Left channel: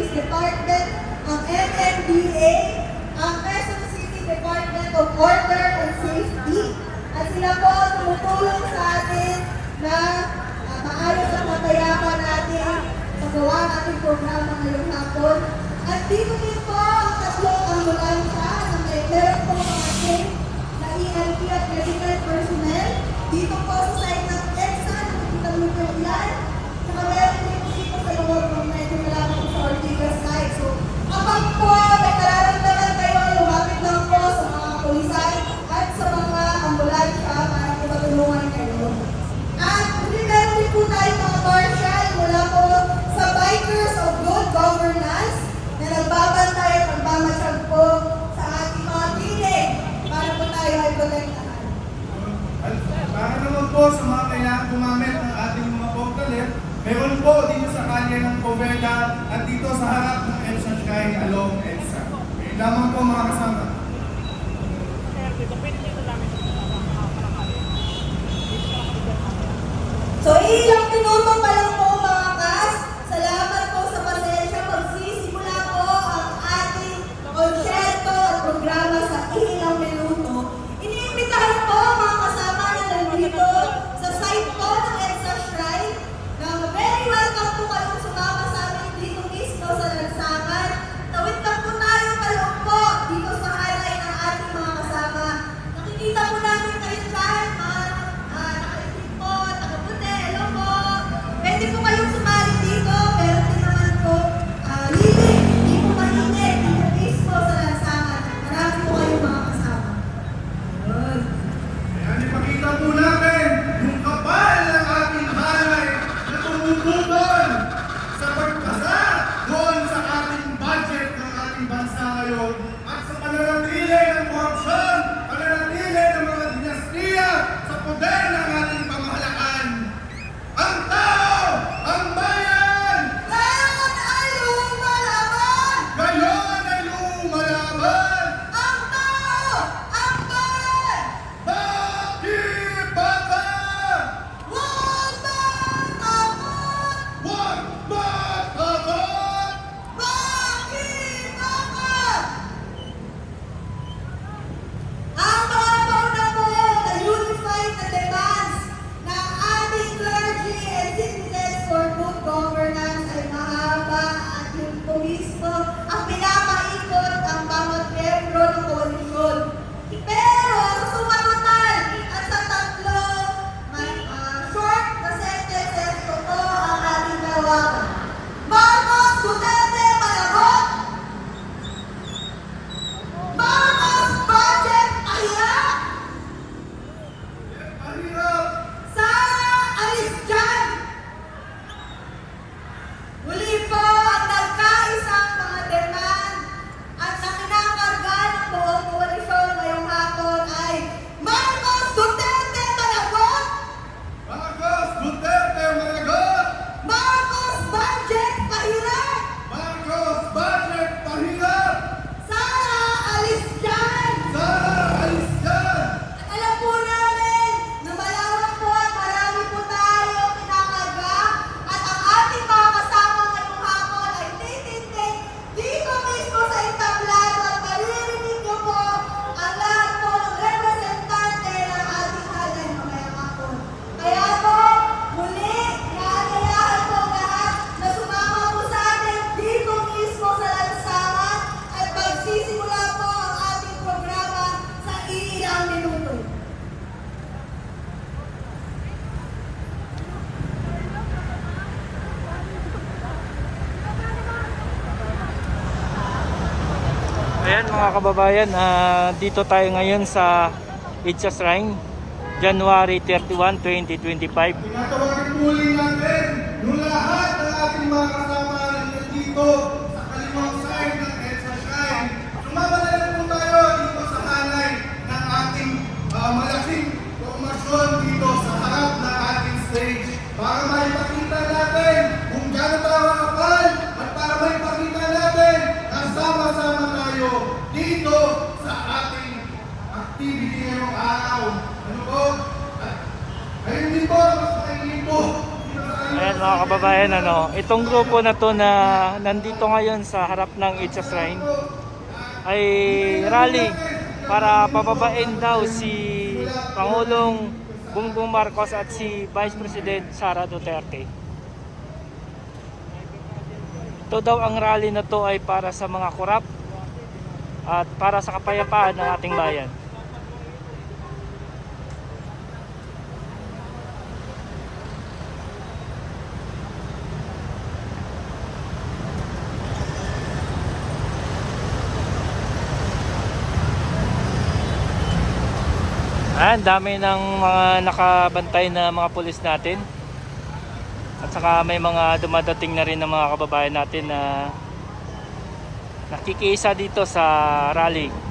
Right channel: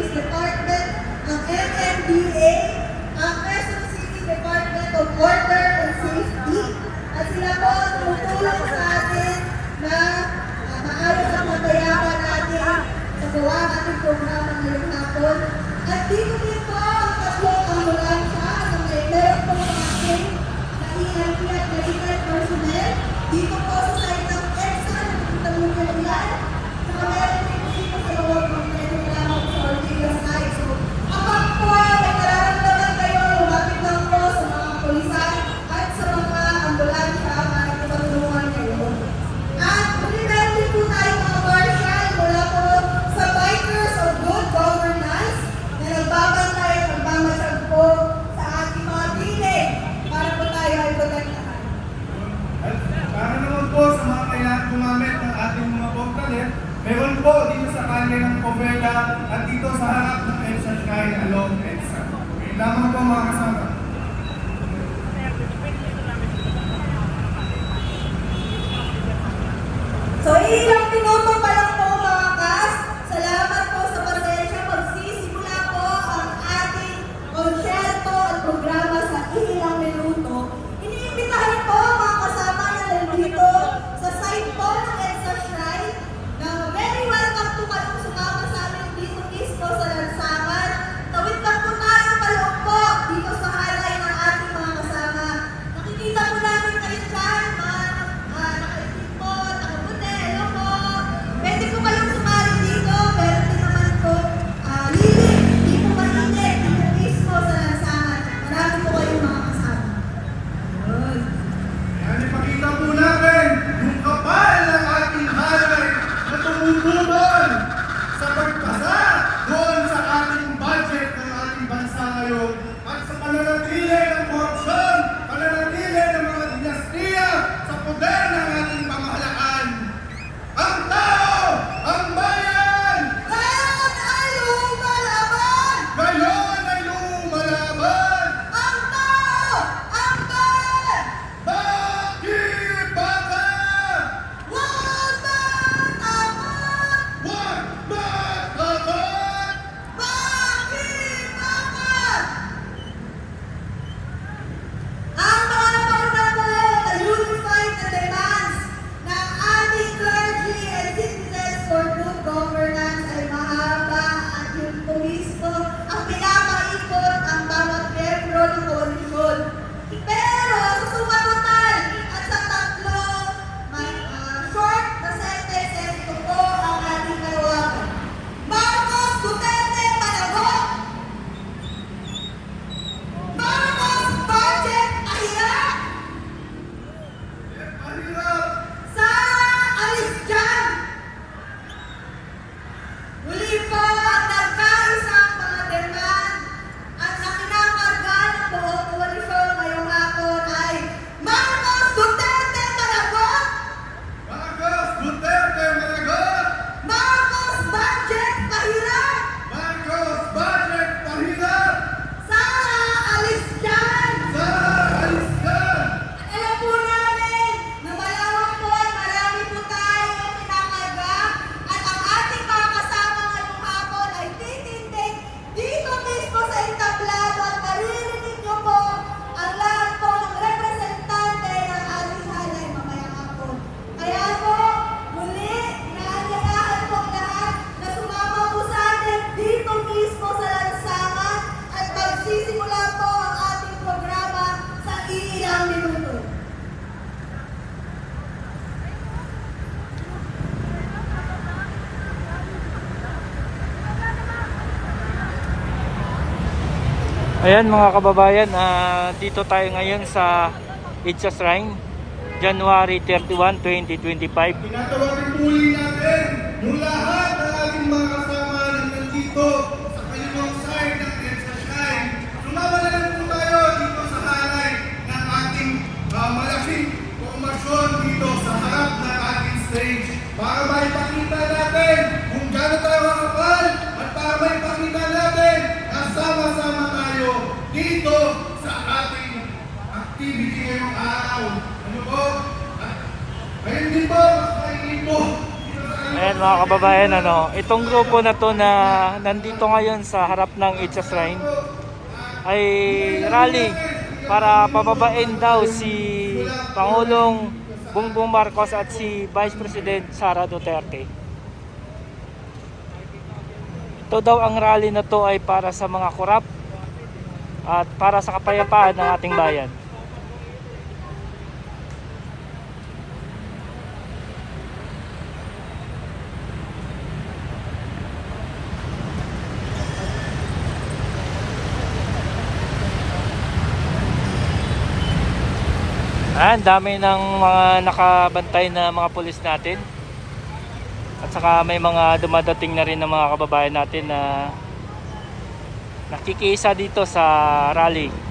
Police Department, ang MMDA, ang Quezon City Department of Order and Safety, at sila po tumutulong sa atin na uh, maayos ang matayapan natin sa gawa ng ating programa ngayong hapon. At dito din po ang tatlong ambulansya na may meron po mga safe na EMT at medical personnel. Dito po sa side ng EDSA, nakikita mo yung ilan. Nagbabantay at nagmamasyag po sa ating mga piling para po tayo ay protektahan. At para naman po sa mga kaya gumamit ng ating mga bongkalit, meron po dito sa kalye ng Povega at dito sa harap ng EDSA Shrine along EDSA. Ngayon lamang po mga kasama. So, ilang minuto pa dito mismo sa lansangan at magsisimula po ang ating programa sa ilang minuto. Ayan mga kababayan, ah, dito tayo ngayon sa Itza Shrine, January 31, 2025. Tinatawagin po muli natin yung lahat ng ating mga kasama nandito sa kalimang side ng EDSA Shrine. Sumama na lang po tayo dito sa halay ng ating ah, malaking formasyon dito sa harap ng ating stage para maipakita natin kung gaano tayo kakapal at para maipakita natin na sama-sama tayo dito sa ating activity ngayong araw. Ano po? At ayun din po, mas mga kababayan, ano, itong grupo na to na nandito ngayon sa harap ng Itza Shrine ay rally para pababain daw si Pangulong Bongbong Marcos at si Vice President Sara Duterte. Ito daw ang rally na to ay para sa mga kurap at para sa kapayapaan ng ating bayan. Ah, dami ng mga nakabantay na mga pulis natin. At saka may mga dumadating na rin ng mga kababayan natin na nakikisa dito sa rally.